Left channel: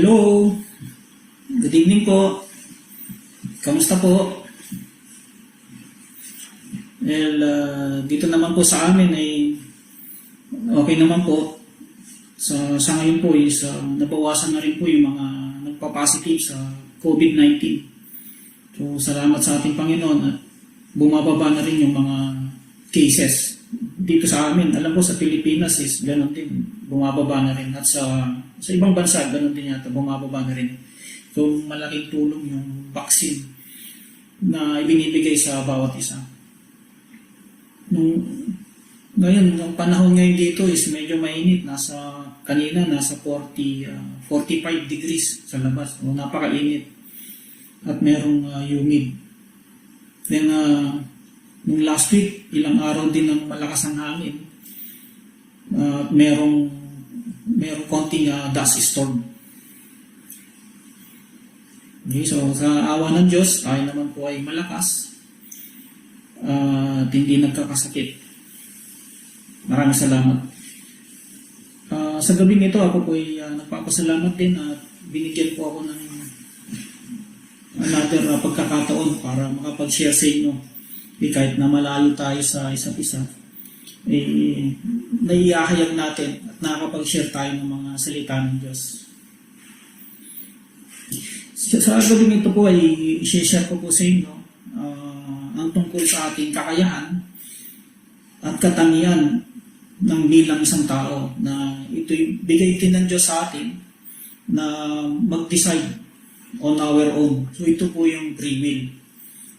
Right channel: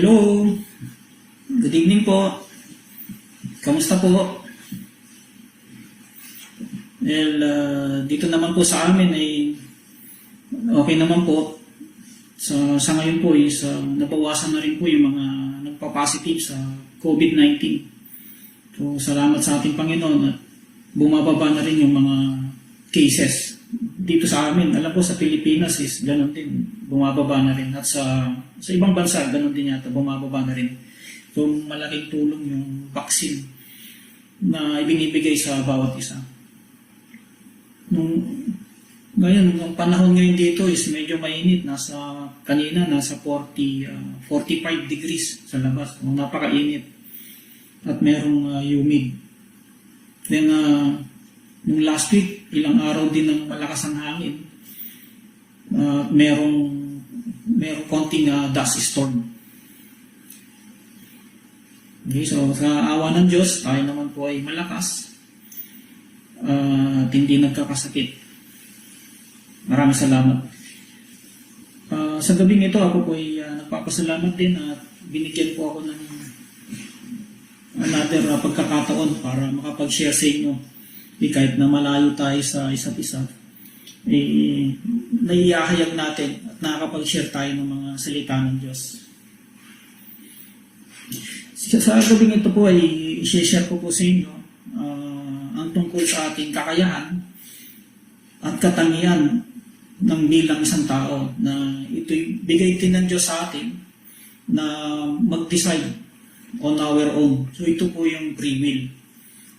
Hello, good evening po. Kamusta po? Dito naman po sa amin okay naman po. Sa ngayon po nabawasan na rin po yung mga nagpa-positive sa COVID-19. So salamat sa ating Panginoon at bumababa na rin yung mga cases. Dito sa amin, alam ko sa Pilipinas ganoon din, bumababa na rin. At sa ibang bansa, ganoon din yata, bumababa na rin. So malaking tulong yung vaccine na ibinibigay sa bawat isa. Ngayon, ang panahon ngayon dito medyo mainit. Kanina, nasa 45 degrees sa labas. Napakainit. At merong humid. Then, nung last week, ilang araw din ng malakas ang hangin. Merong konting dust storm. Okay, so sa awa ng Diyos, tayo naman po ay malakas. Hindi nagkakasakit. Maraming salamat. Sa gabing ito, ako po ay nagpapasalamat din at binigyan po ako ng another pagkakataon para makapag-share sa inyo. Kahit na malayo tayo sa isa't isa, naiihahayag natin at nakakapag-share tayo ng mga salita ng Diyos. Sa gabing ito po ay i-share ko po sa inyo ang tungkol sa ating kakayahan at katangian ng bilang isang tao na ito'y bigay din ng Diyos sa atin na mag-decide on our own. So ito po yung free will.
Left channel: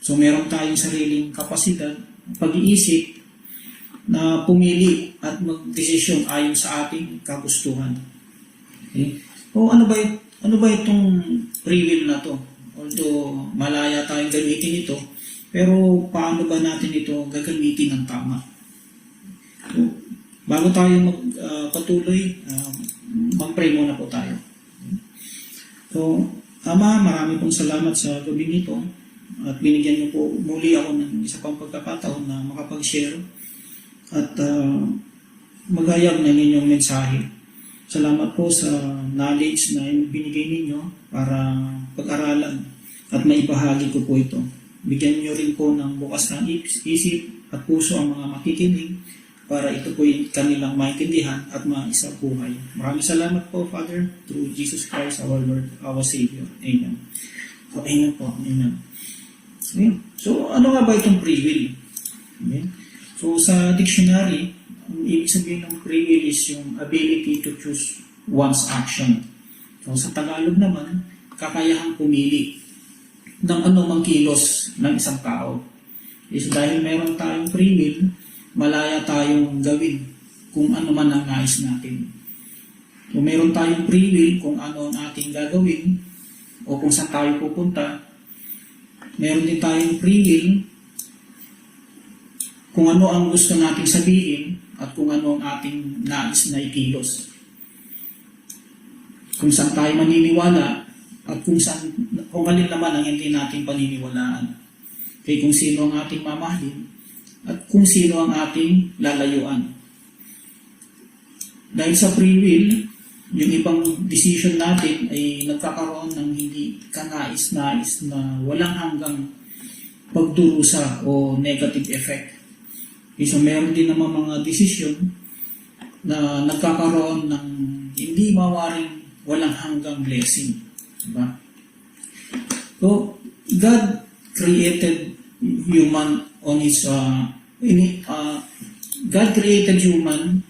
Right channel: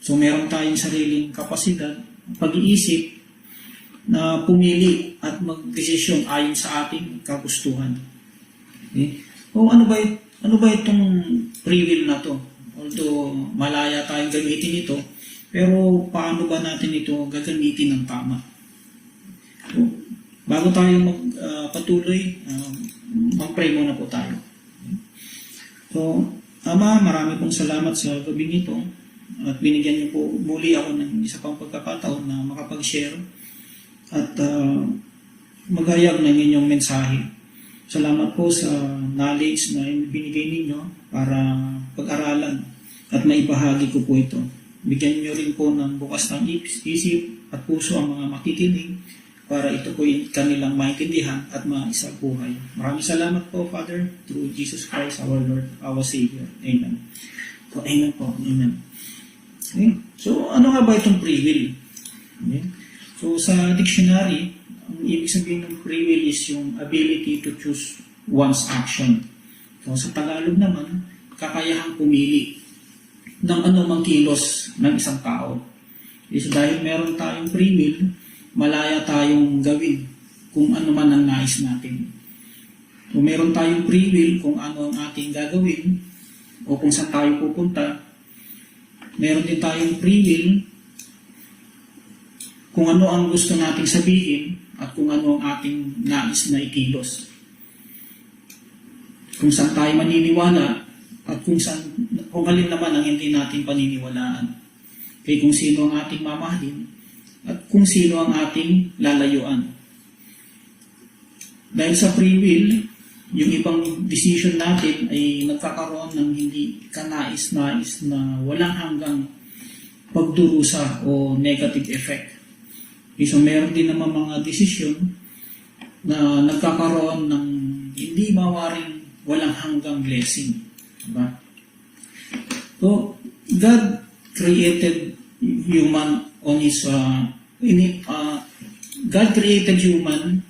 So meron tayong sariling kapasidad, pag-iisip na pumili at mag-desisyon ayon sa ating kagustuhan. Okay? O ano ba itong free will na to? Although malaya tayong gamitin ito, pero paano ba natin ito gagamitin ng tama? So, bago tayo magpatuloy, mag-pray muna po tayo. So, Ama, marami pong salamat sa gabing ito. At binigyan niyo po muli ako ng isa pang pagkakataon na makapag-share at maghayag ng inyong mensahe. Salamat po sa knowledge na binigay ninyo para pag-aralan at maibahagi ko po ito. Bigyan niyo rin po ng bukas ng isip at puso ang mga makikinig para ito po yung kanilang maintindihan at maisabuhay. Maraming salamat po, Father, through Jesus Christ, our Lord, our Savior. Amen. So, amen po. Amen. Okay. So, ano nga ba itong free will? Okay. So, sa dictionary, ang ibig sabihin ng free will is yung ability to choose one's action. So, sa Tagalog naman, kakayahang pumili ng anumang kilos ng isang tao. So, dahil meron tayong free will, malaya tayong gawin kung ano man ang nais natin. So, meron tayong free will kung ano ang ating gagawin o kung saan tayo pupunta. Meron din tayong free will kung ano ang gusto nating sabihin at kung ano ang ating nais na ikilos. Kung saan tayo maniniwala at kung alin naman ang hindi natin paniniwalaan. Kaya kung sino ang ating mamahalin at kung sino ang ating lalayuan. Dahil sa free will, yung ibang decision natin ay nagkakaroon ng hindi kanais-nais na walang hanggang pagdurusa o negative effect. So meron din naman mga decision na nagkakaroon ng hindi mawaring walang hanggang blessing. Diba? So, God created human on His God created human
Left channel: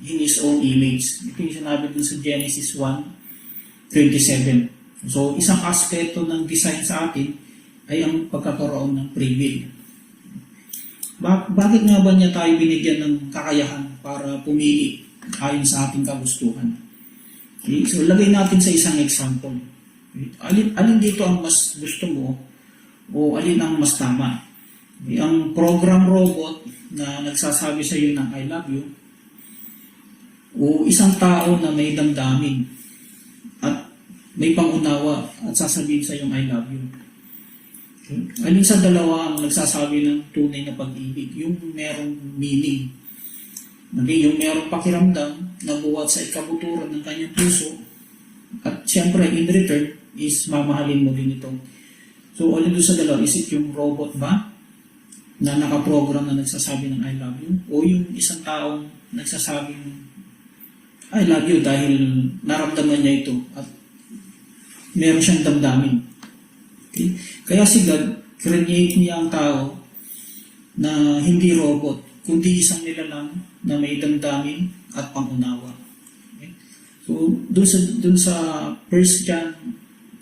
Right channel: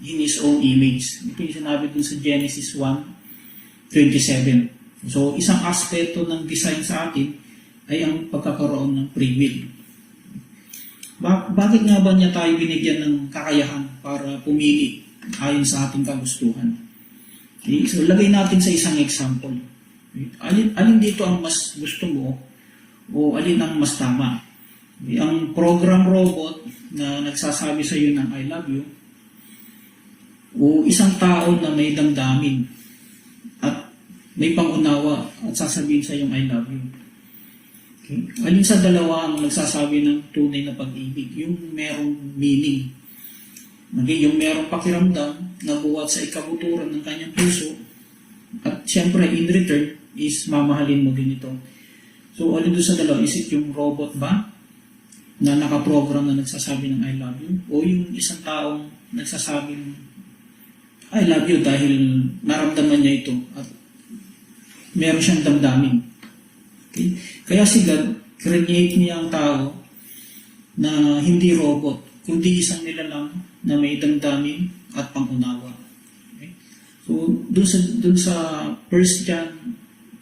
in His own image. Ito yung sinabi dun sa Genesis 1:27. So, isang aspeto ng design sa atin ay ang pagkakaroon ng free will. Bakit nga ba niya tayo binigyan ng kakayahan para pumili ayon sa ating kagustuhan? Okay, so, lagay natin sa isang example. Alin dito ang mas gusto mo o alin ang mas tama? Ang program robot na nagsasabi sa iyo ng I love you o isang tao na may damdamin at may pangunawa at sasabihin sa iyo I love you. Okay. Alin sa dalawa ang nagsasabi ng tunay na pag-ibig? Yung merong meaning. Okay, yung merong pakiramdam na buwat sa ikabuturan ng kanyang puso At siyempre, in return, is mamahalin mo din ito. So, alin doon sa dalawa, is it yung robot ba na nakaprogram na nagsasabi ng I love you? O yung isang taong nagsasabing I love you dahil naramdaman niya ito at meron siyang damdamin. Okay? Kaya si God, create niya ang tao na hindi robot, kundi isang nilalang na may damdamin at pangunawa. Okay? So, dun sa 1 John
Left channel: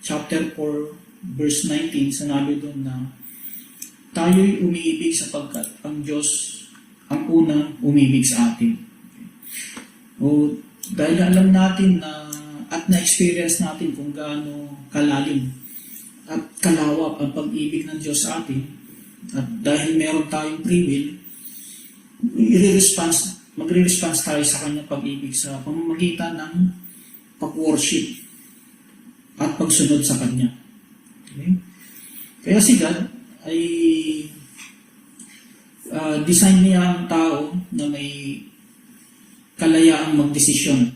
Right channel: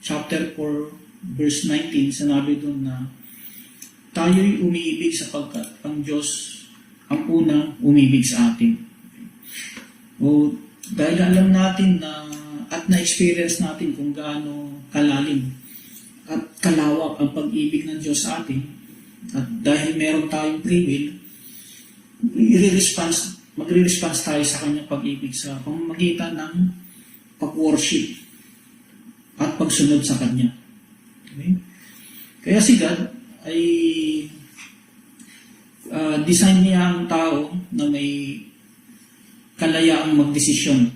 chapter 4, verse 19, sinabi dun na tayo'y umiibig sapagkat ang Diyos ang unang umibig sa atin. Okay? O, dahil alam natin na at na-experience natin kung gaano kalalim at kalawak ang pag-ibig ng Diyos sa atin, at dahil meron tayong free will, magre-response tayo sa kanyang pag-ibig sa pamamagitan ng pag-worship at pagsunod sa kanya. Okay? Kaya si God ay design niya ang tao na may kalayaang magdesisyon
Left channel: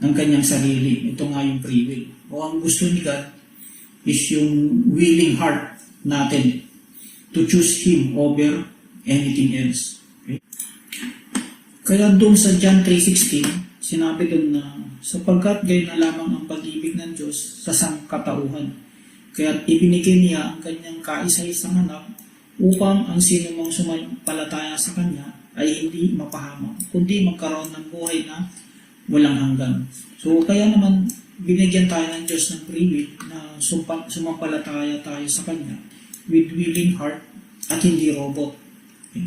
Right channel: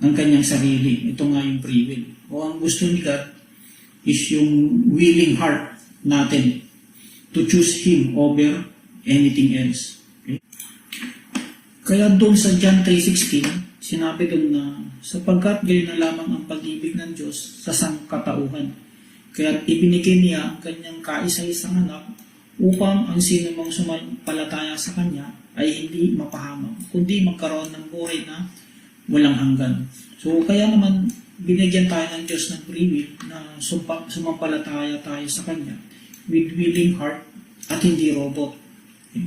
ng kanyang sarili. Ito nga yung free will. O ang gusto ni God is yung willing heart natin to choose Him over anything else. Okay? Kaya doon sa John 3:16, sinabi doon na sapagkat gayon na lamang ang pag-ibig ng Diyos sa sangkatauhan. Kaya ibinigay niya ang kanyang kaisa-isang anak upang ang sino mang sumampalataya sa kanya ay hindi mapahamak, kundi magkaroon ng buhay na walang hanggan. So kaya naman binigyan tayo ng Diyos ng free will na sumampalataya tayo sa kanya with willing heart at hindi robot. Okay?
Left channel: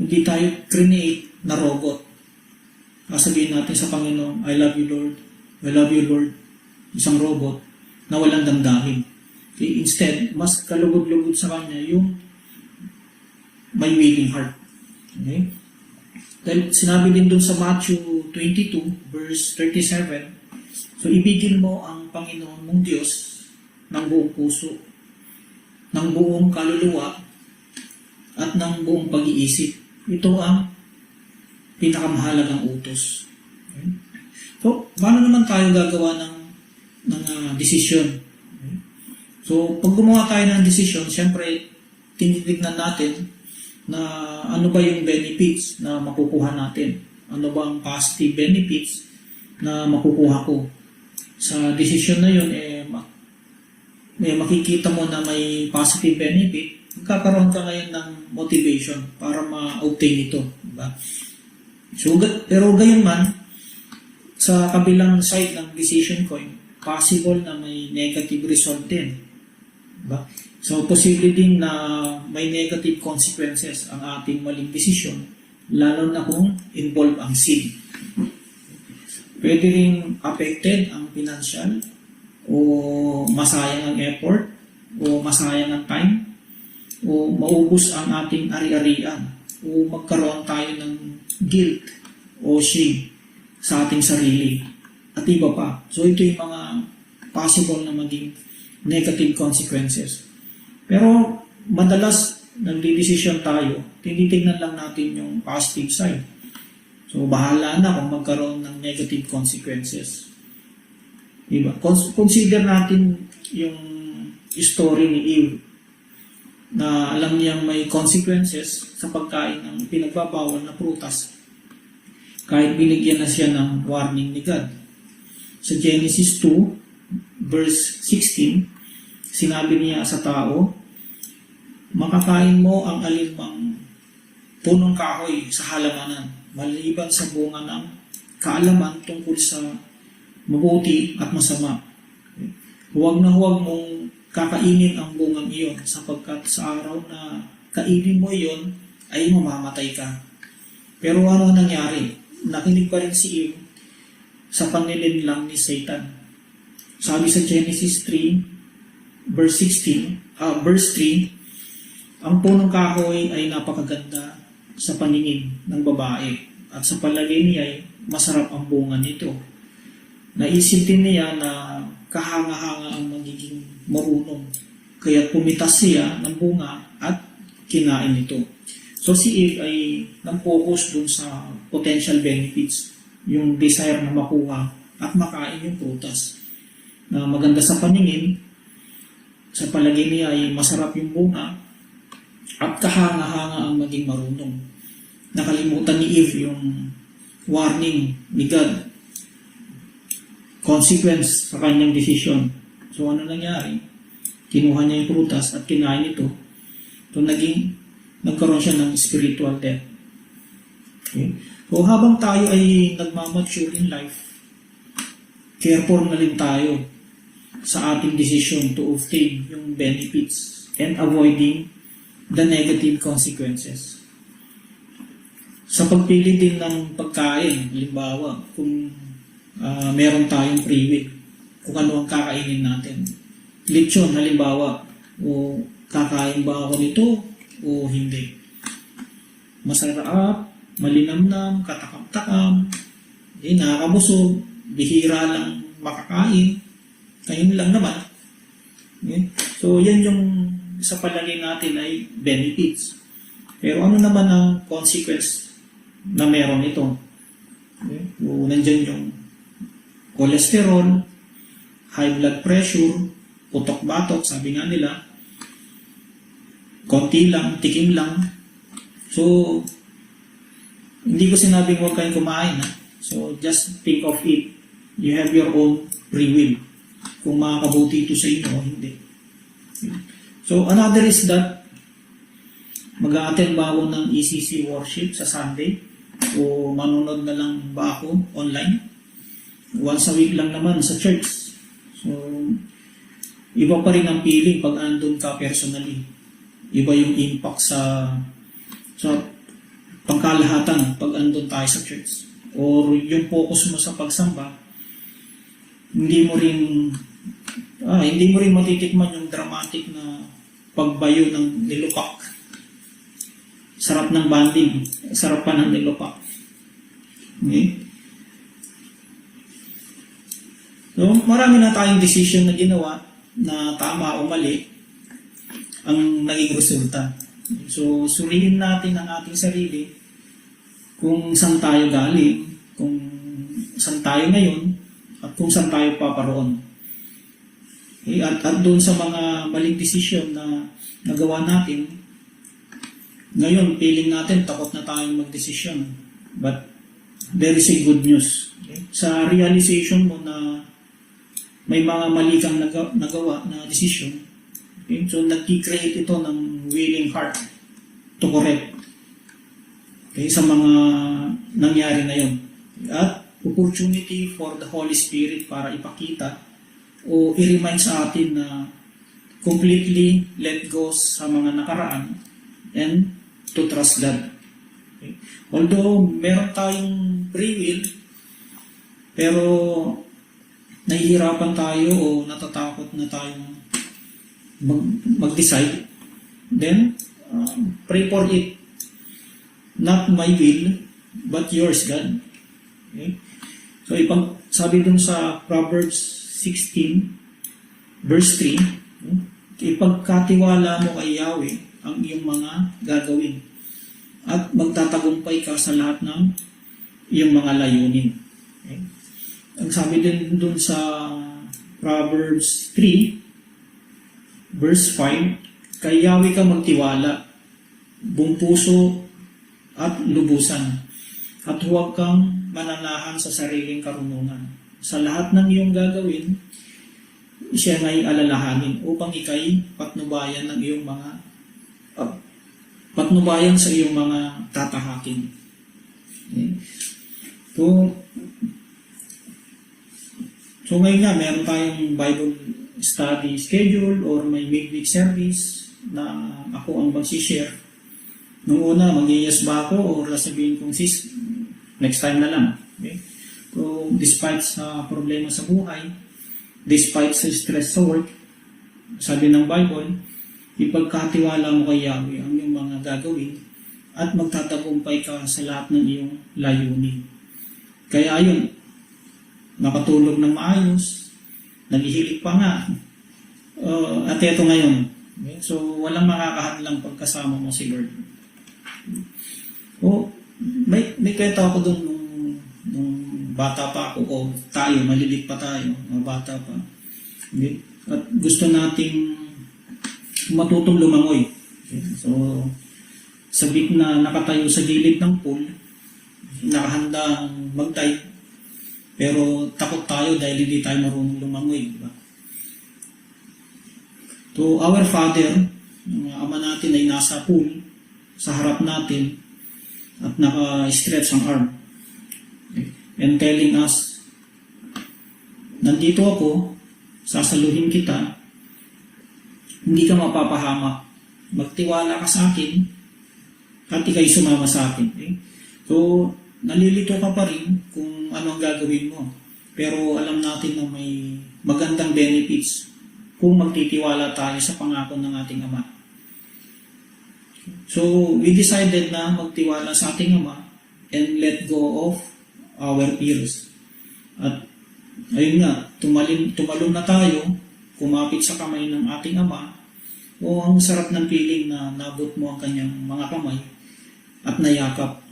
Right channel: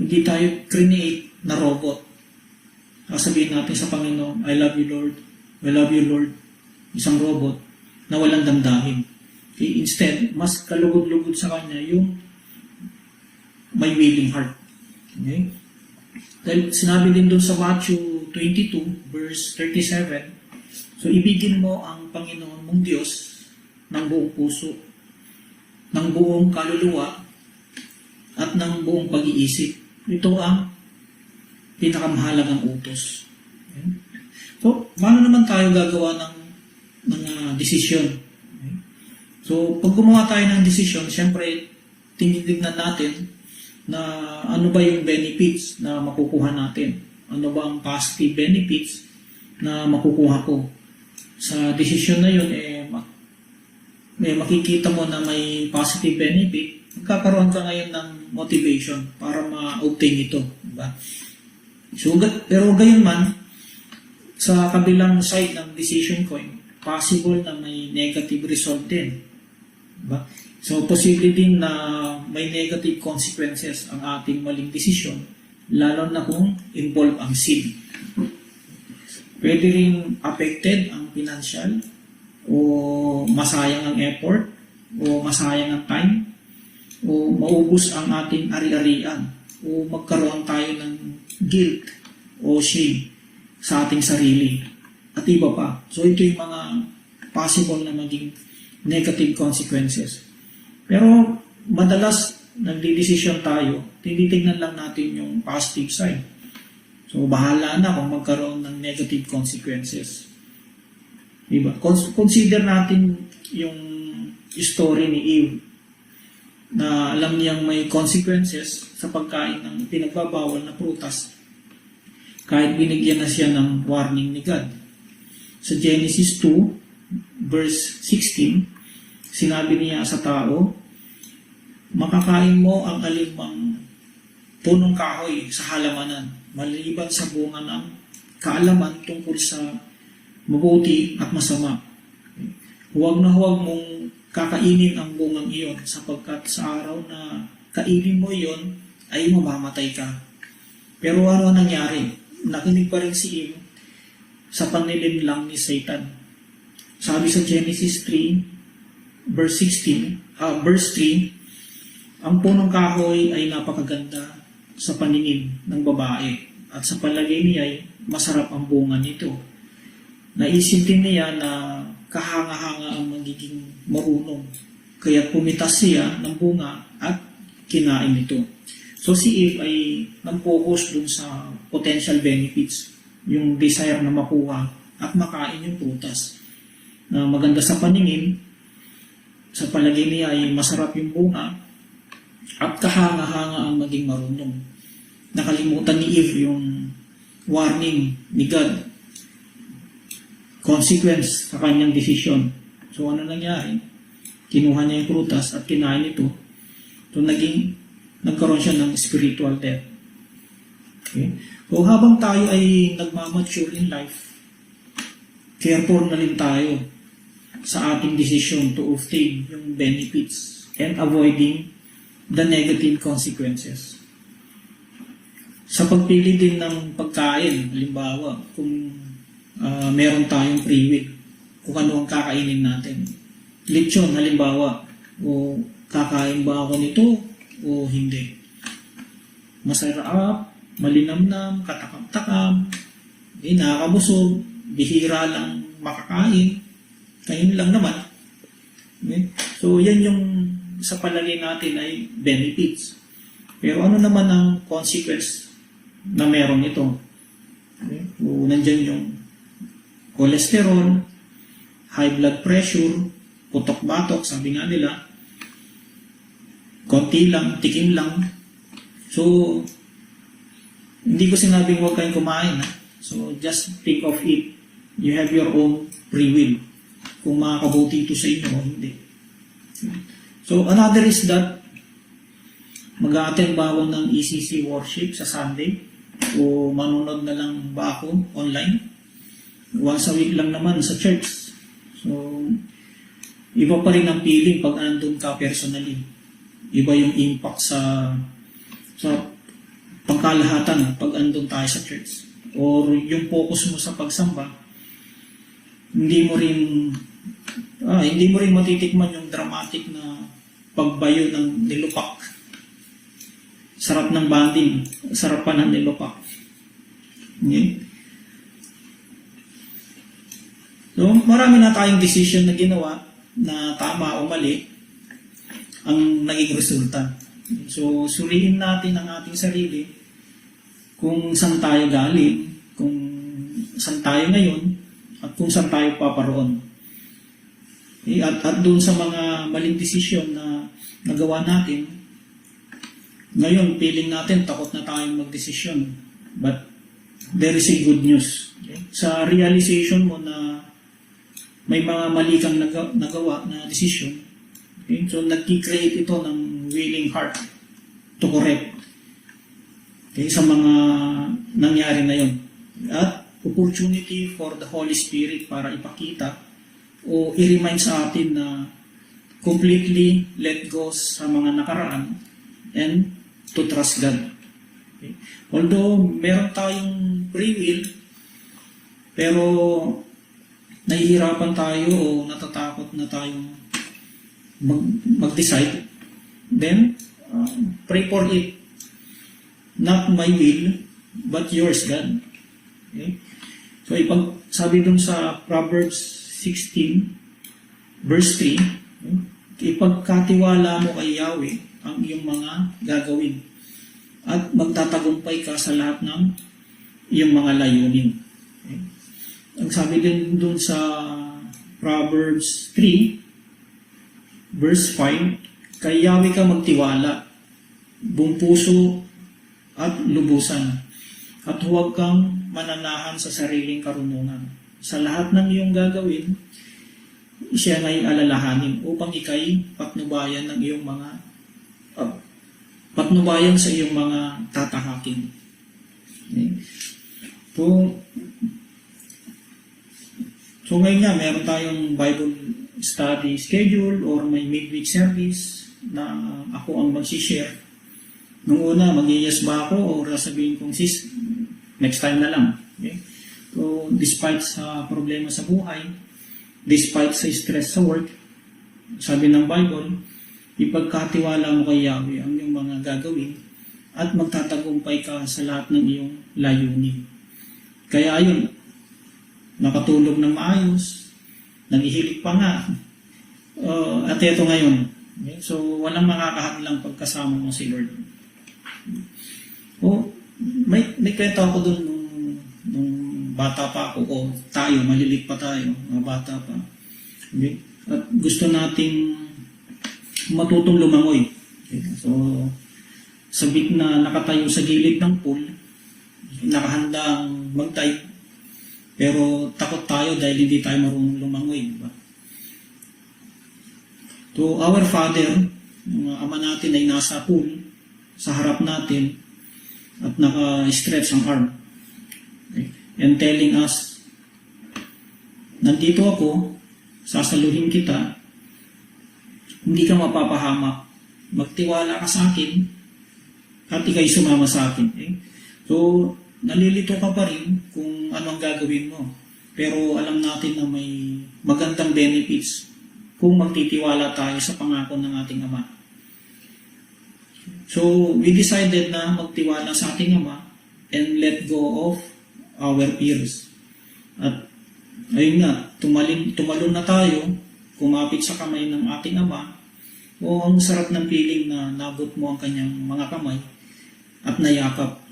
Hindi tayo create na robot. Sasabihin natin sa Panginoon, I love you Lord, I love you Lord. Isang robot na walang damdamin. Okay? Instead, mas kalugod-lugod sa kanya yung may willing heart. Okay? Dahil sinabi din doon sa Matthew 22, verse 37, so ibigin mo ang Panginoon mong Diyos ng buong puso, ng buong kaluluwa, at ng buong pag-iisip. Ito ang pinakamahalagang utos. Okay? So, paano naman tayo gagawa ng desisyon? Okay? So, pag gumawa tayo ng desisyon, siyempre, tinitignan natin na ano ba yung benefits na makukuha natin. Ano ba ang positive benefits na makukuha ko. Sa desisyon na yun, makikita mo na may positive benefit, magkakaroon ka ngayon ng motivation para ma-obtain ito. Diba? So, pero gayon man, sa kabilang side ng decision ko, possible na may negative result din. Diba? So, posible din na may negative consequences ang ating maling desisyon, lalo na kung involved ang sin. Pwede rin affected ang financial, o masayang ang effort, o masayang ang time, o maubos ang ating ari-arian, o magkaroon tayo ng guilt o shame sa ating sarili, at iba pa. So, ito yung mga possible na maging negative consequences. Pero madalas nagdidesisyon tayo, tinitingnan lang natin yung positive side. So, bahala na kung magkaroon ng negative consequences. Diba? Consider natin yung story ni Eve na alam niyang may consequences sa pagkain ng pinagbabawal na prutas kahit binigyan na siya ng warning ni God. Sa Genesis 2, verse 16, sinabi niya sa tao, makakain mo ang alimang punong kahoy sa halamanan, maliban sa bunga ng kaalaman tungkol sa mabuti at masama. Huwag na huwag mong kakainin ang bungang iyon sapagkat sa araw na kainin mo iyon ay mamamatay ka. Pero ano nangyari? Nakinig pa rin si Eve sa panilin lang ni Satan. Sabi sa Genesis 3, verse 3, ang punong kahoy ay napakaganda sa paningin ng babae at sa palagay niya ay masarap ang bunga nito. Naisip din niya na kahanga-hanga ang magiging marunong. Kaya pumitas siya ng bunga at kinain ito. So si Eve ay nag-focus dun sa potential benefits, yung desire na makuha at makain yung prutas. na maganda sa paningin, sa palagay niya ay masarap yung bunga, at kahanga-hanga ang maging marunong. Nakalimutan ni Eve yung warning ni God, consequence sa kanyang desisyon. So ano nangyari? Kinuha niya yung prutas at kinain ito. So nagkaroon siya ng spiritual death. Okay. So habang tayo ay nagmamature in life, careful na rin tayo sa ating decision to obtain yung benefits and avoiding the negative consequences. Sa pagpili din ng pagkain, halimbawa, kung meron tayong free will, kung ano ang kakainin natin. Lechon, halimbawa, o kakain ba ako nito o hindi. Masarap, malinamnam, katakap-takap, hindi nakakabusog, bihira lang makakain, kain lang naman. Okay? So, yan yung sa palagay natin ay benefits. Pero ano naman ang consequence na meron ito? Okay? So, nandyan yung cholesterol, high blood pressure, putok-batok, sabi nga nila, konti lang, tikim lang. So, hindi ko sinabing huwag kayong kumain. So, just think of it. You have your own free will. Kung makakabuti ito sa inyo o hindi. So, another is that mag-a-attend ba ako ng ECC worship sa Sunday? O manunod na lang ba ako online? Once a week lang naman sa church. So, iba pa rin ang feeling pag nandun ka personally. Iba yung impact sa pangkalahatan pag andun tayo sa church. Or yung focus mo sa pagsamba, hindi mo rin matitikman yung dramatic na pagbayo ng nilupak. Sarap ng banding, sarap pa ng nilupak. Okay? No, marami na tayong decision na ginawa na tama o mali ang naging resulta. So, suriin natin ang ating sarili kung saan tayo galing, kung saan tayo ngayon, at kung saan tayo paparoon. At doon sa mga maling desisyon na nagawa natin, ngayon, feeling natin, takot na tayong mag-desisyon. But, there is a good news. Okay? Sa realization mo na may mga mali kang nagawa na decision, okay? So nag-create ito ng willing heart to correct, okay, sa mga nangyari ngayon. At opportunity for the Holy Spirit para ipakita o i-remind sa atin na completely let go sa mga nakaraan and to trust God. Okay? Although meron tayong free will, pero nahihirapan tayo o natatakot na tayo mag-decide, then pray for it. Not my will, but yours, God. Okay? So, sabi dun sa Proverbs 16, verse 3, okay? Ipagkatiwala mo kay Yahweh ang iyong mga gagawin at magtatagumpay ka sa lahat ng iyong mga layunin. Okay? Ang sabi din dun sa Proverbs 3, verse 5, kay Yahweh ka magtiwala, buong puso at lubusan, at huwag kang mananahan sa sariling karunungan. Sa lahat ng iyong gagawin, siya ay alalahanin upang ikay patnubayan ng iyong mga patnubayan sa iyong mga tatahakin. Okay? So ngayon nga, meron tayong Bible study schedule or may midweek service na ako ang mag-share. Nung una, mag-yes ba ako o sabihin kong sis, next time na lang. Okay? So, despite sa problema sa buhay, despite sa stress sa work, sabi ng Bible, ipagkatiwala mo kay Yahweh ang iyong mga gagawin at magtatagumpay ka sa lahat ng iyong layunin. Kaya yun, nakatulog ng maayos, naghihilig pa nga, at eto ngayon. Okay? So, walang makakahadlang pagkasama mo si Lord. May kwento ako doon nung bata pa ako, o tayo, malilig pa tayo, bata pa. Okay? At gusto nating matutong lumangoy. Okay? So, sabik na nakatayo sa gilid ng pool, nakahandang mag-dive, pero takot tayo dahil hindi tayo marunong lumangoy. Diba? To our Father, ang Ama natin ay nasa pool, sa harap natin, at naka-stretch ang arm. Okay? And telling us, nandito ako, sasaluhin kita, hindi ka mapapahamak. Magtiwala ka sa akin, at ikay sumama sa akin. Okay? So, nalilito ka pa rin kung ano ang gagawin mo. Pero alam natin na may magandang benefits kung magtitiwala tayo sa pangako ng ating Ama. So, we decided na magtiwala sa ating Ama and let go of our fears. At ayun nga, tumalon na tayo, kumapit sa kamay ng ating Ama. O ang sarap ng feeling na nabot mo ang kanyang mga kamay at nayakap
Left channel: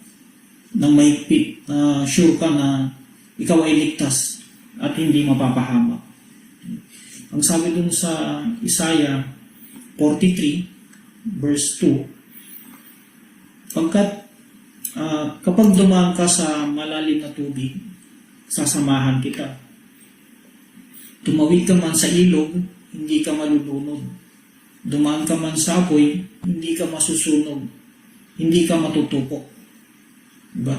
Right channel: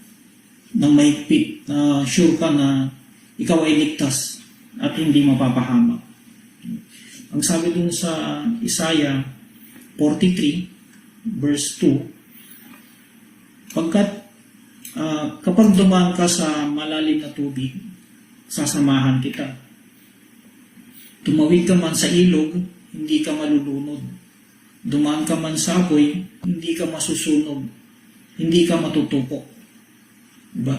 ng mahigpit na sure ka na ikaw ay ligtas at hindi mapapahamak. Ang sabi dun sa Isaiah 43 verse 2, kapag dumaan ka sa malalim na tubig, sasamahan kita. Tumawid ka man sa ilog, hindi ka malulunod. Dumaan ka man sa apoy, hindi ka masusunog. Hindi ka matutupok. Diba?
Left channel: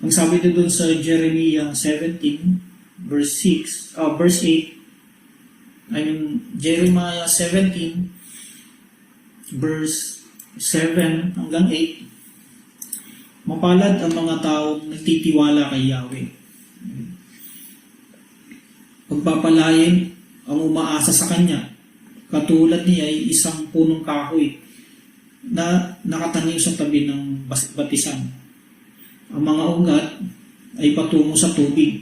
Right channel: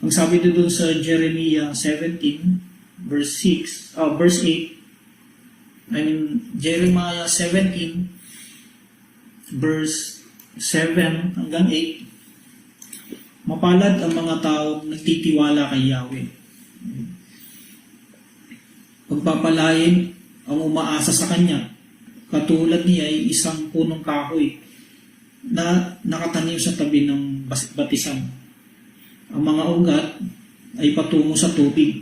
Ang sabi doon sa Jeremiah 17, verse 8, Jeremiah 17, verse 7 hanggang 8, mapalad ang mga taong nagtitiwala kay Yahweh. Pagpapalain ang umaasa sa Kanya, katulad niya ay isang punong kahoy na nakatanim sa tabi ng batisan. Ang mga ugat ay patungo sa tubig.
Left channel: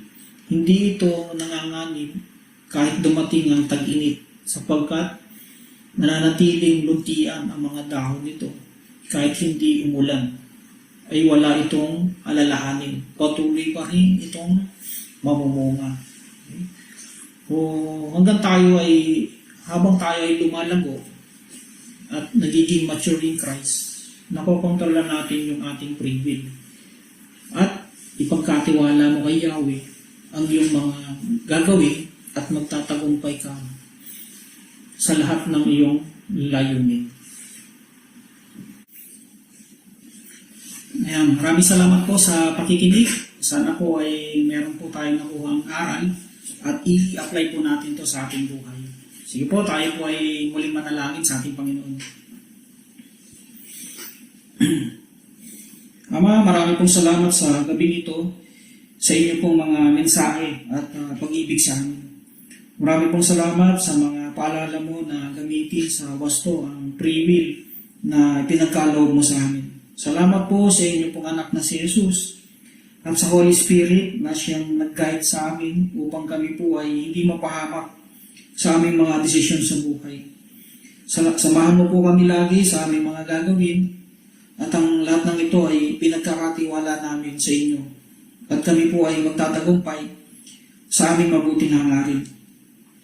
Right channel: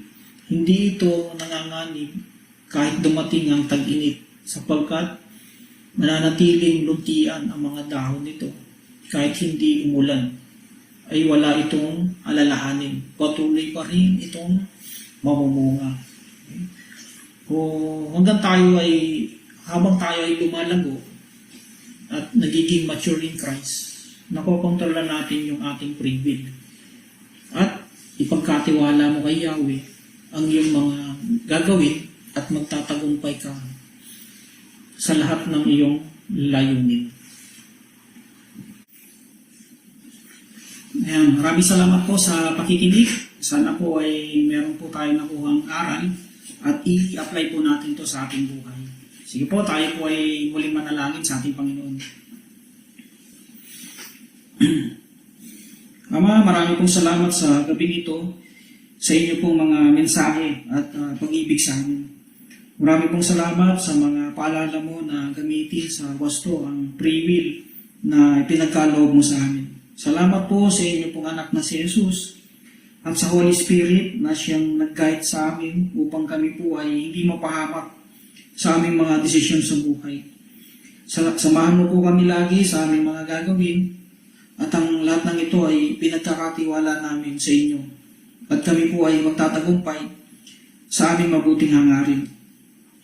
Hindi ito nanganganib kahit dumating ang tag-init sapagkat mananatiling luntian ang mga dahon nito kahit hindi umulan ay wala itong alalahanin. Patuloy pa rin itong mamumunga. Habang tayo ay lumalago at nagiging mature in Christ, nakokontrola natin yung ating free will. At ipagkatiwala mo kay Yahweh ang iyong mga gagawin at magtatagumpay ka sa lahat ng iyong layunin. Ayan, maraming salamat po sa pakikinig. Sana po ay meron po tayo nakuhang aral at i-apply po natin to sa ating buhay. Sige po, tayo po ay muling manalangin sa ating Panginoon. Ama, marami pong salamat sa gabi ito, sa inyo pong mga mensahe at pag-ibig sa amin. Marami pong salamat sa mga paalala mo na gamitin sa wasto ang free will na pinagkaloob mo sa amin. Salamat po sa inyo pong anak na si Jesus at sa Holy Spirit na siyang nag-guide sa amin upang kami po ay hindi mapahamak sa aming mga desisyon sa buhay. Samahan mo po kami lagi sa aming mga gagawin at ang lahat ng ito ay pinagkakatiwala namin sa inyo. At kami po ay magtatagumpay sa aming mabuting hangarin.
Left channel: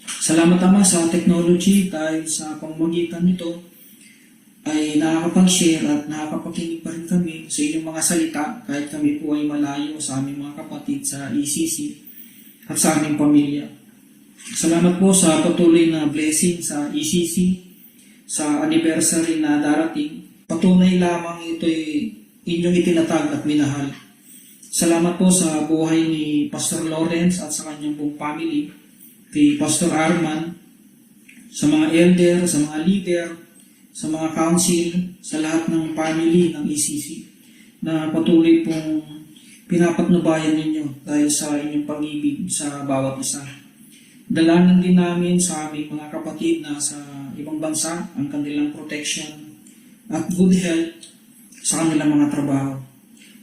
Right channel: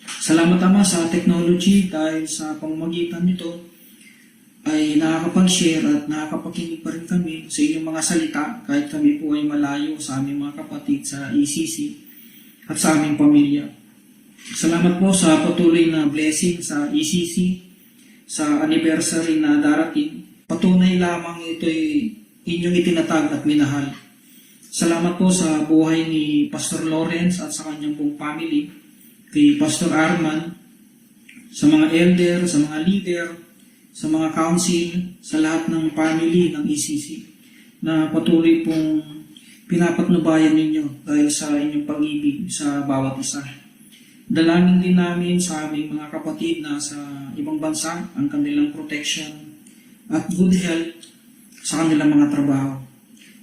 Salamat Ama sa technology dahil sa pamamagitan nito ay nakakapag-share at nakakapakinig pa rin kami sa inyong mga salita kahit kami po ay malayo sa aming mga kapatid sa ECC at sa aming pamilya. Salamat po sa patuloy na blessing sa ECC, sa anniversary na darating. Patunay lamang ito'y inyong itinatag at minahal. Salamat po sa buhay ni Pastor Lawrence at sa kanyang buong family, kay Pastor Arman, sa mga elder, sa mga leader, sa mga council, sa lahat ng family ng ECC na patuloy pong pinapatnubayan ninyo dahil sa inyong pag-ibig sa bawat isa. Dalangin din namin sa aming mga kapatid na sa ibang bansa ang kanilang protection at good health sa kanilang mga trabaho.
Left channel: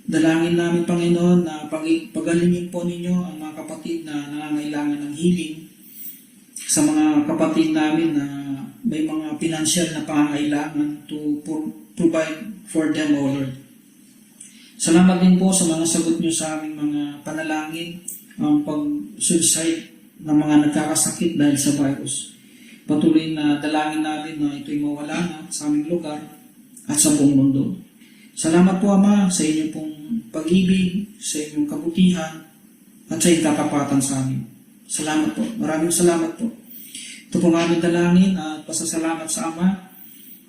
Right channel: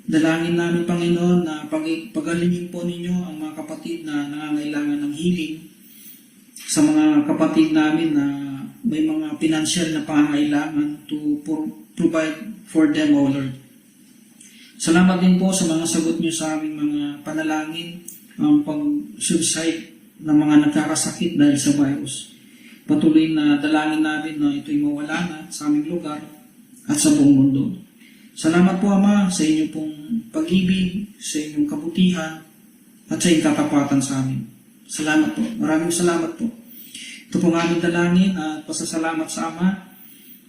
Dalangin namin, Panginoon, na pagalingin po ninyo ang mga kapatid na nangangailangan ng healing, sa mga kapatid namin na may mga financial na pangangailangan to provide for them, O Lord. Salamat din po sa mga sagot niyo sa aming mga panalangin, ang pag-suicide ng mga nagkakasakit dahil sa virus. Patuloy na dalangin natin na ito'y mawala na sa aming lugar at sa buong mundo. Salamat po, Ama, sa inyong pong pag-ibig, sa inyong kabutihan, at sa inyong katapatan sa amin. Salamat po. Maraming salamat po. Ito po ang aming dalangin at pasasalamat sa Ama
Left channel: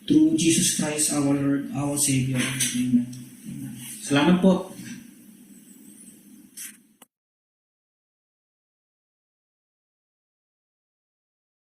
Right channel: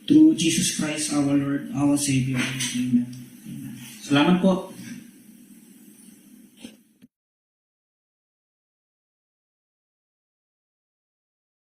through Jesus Christ, our Lord, our Savior. Amen. Amen. Salamat po.